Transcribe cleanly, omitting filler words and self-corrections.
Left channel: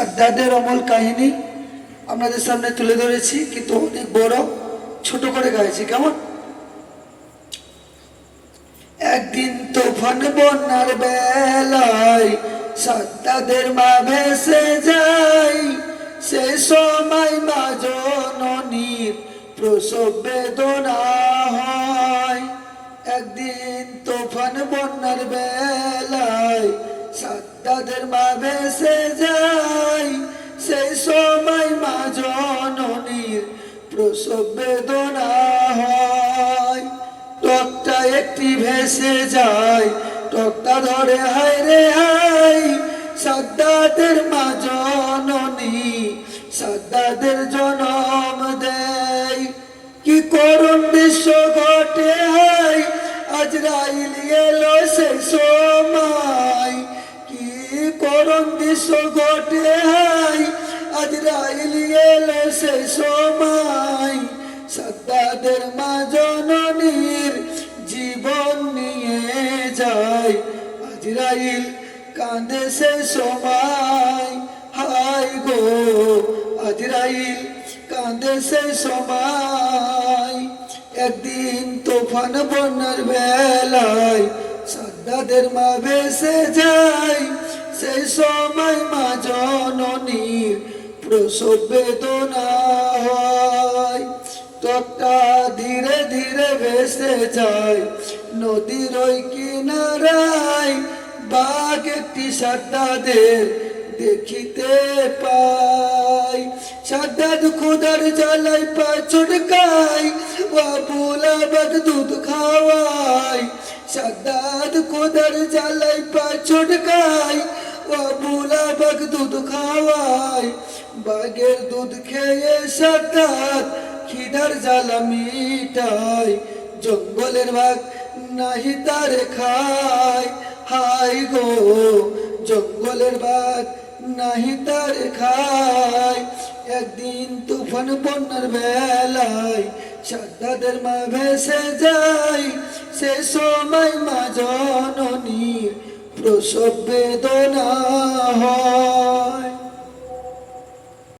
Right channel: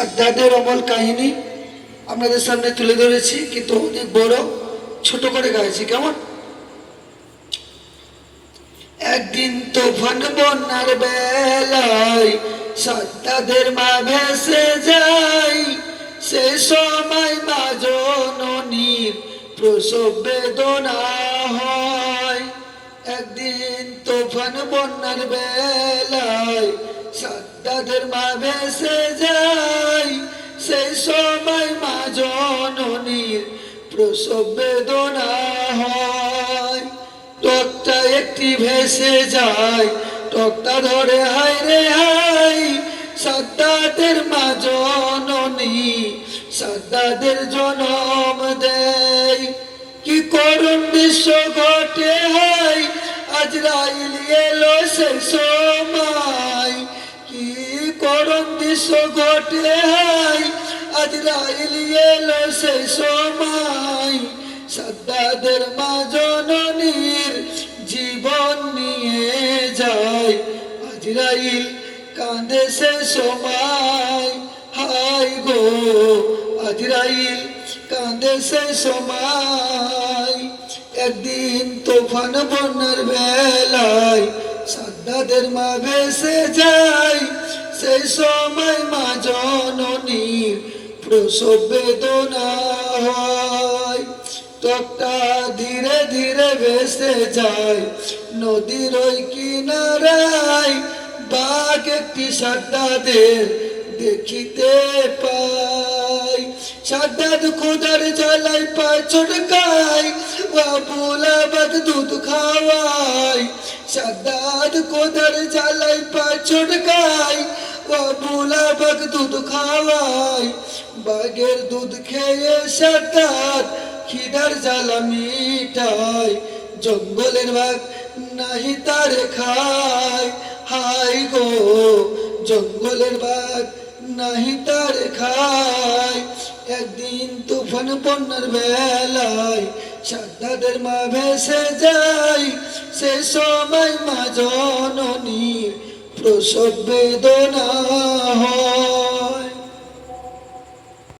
সাদ্দাদের অমল কাহিনী আপনাদের সামনে তুলে ধরেছি, কিন্তু অনেক বড় ছোট করে গাইছি। কেমন? একদিন তুফান বন্যার বেলায় সাদ্দাদের মা ভেসে যায়, সেই সময় মা জননীর প্রসব বেদনা হয়। একদিন তুফান বন্যার বেলায় সাদ্দাদের মা ভেসে যায়, সেই সময় মা জননীর প্রসব বেদনা হয়। টকটা একটি ভেসে যায়, টকটা ধরে হায় রে হায়, সাদ্দাদের মা জননী সাদ্দাদের জনম দেয়। কি করুণ দৃশ্য ঘটে হায়, আজরাইল এলো সেই সময়। কি করুণ দৃশ্য ঘটে হায়, আজরাইল এলো সেই সময়। সাদ্দাদের মা জননীর জীবন নিয়ে যায়, আজরাইল কাঁদে সে সময়। হায় গো আজরাইল কাঁদে সে সময়। একদিন তুফান বন্যার বেলায় সাদ্দাদের মা ভেসে যায়, সেই সময় মা জননীর প্রসব বেদনা হয়। টকটা ধীরে ধীরে ভেসে যায় নদীর ওই কিনারায়, বাঘ একটি সাদ্দাদের দেখিতে পায়। সাদ্দাদ খুদার জ্বালায় পা ছটকায়, আবুল আবাদ দুধ খাওয়ায়। সাদ্দাদ খুদার জ্বালায় পা ছটকায়, আবুল আবাদ দুধ খাওয়ায়। বাঘের দুধ খেয়ে সাদ্দাদ খিদার জ্বালা মিটায়, জঙ্গলের বাঘ নাহি তারে খায়। হায় গো জঙ্গলের বাঘ নাহি তারে খায়। একদিন তুফান বন্যার বেলায় সাদ্দাদের মা ভেসে যায়, সে সময় মা জননীর প্রসব বেদনা হয়।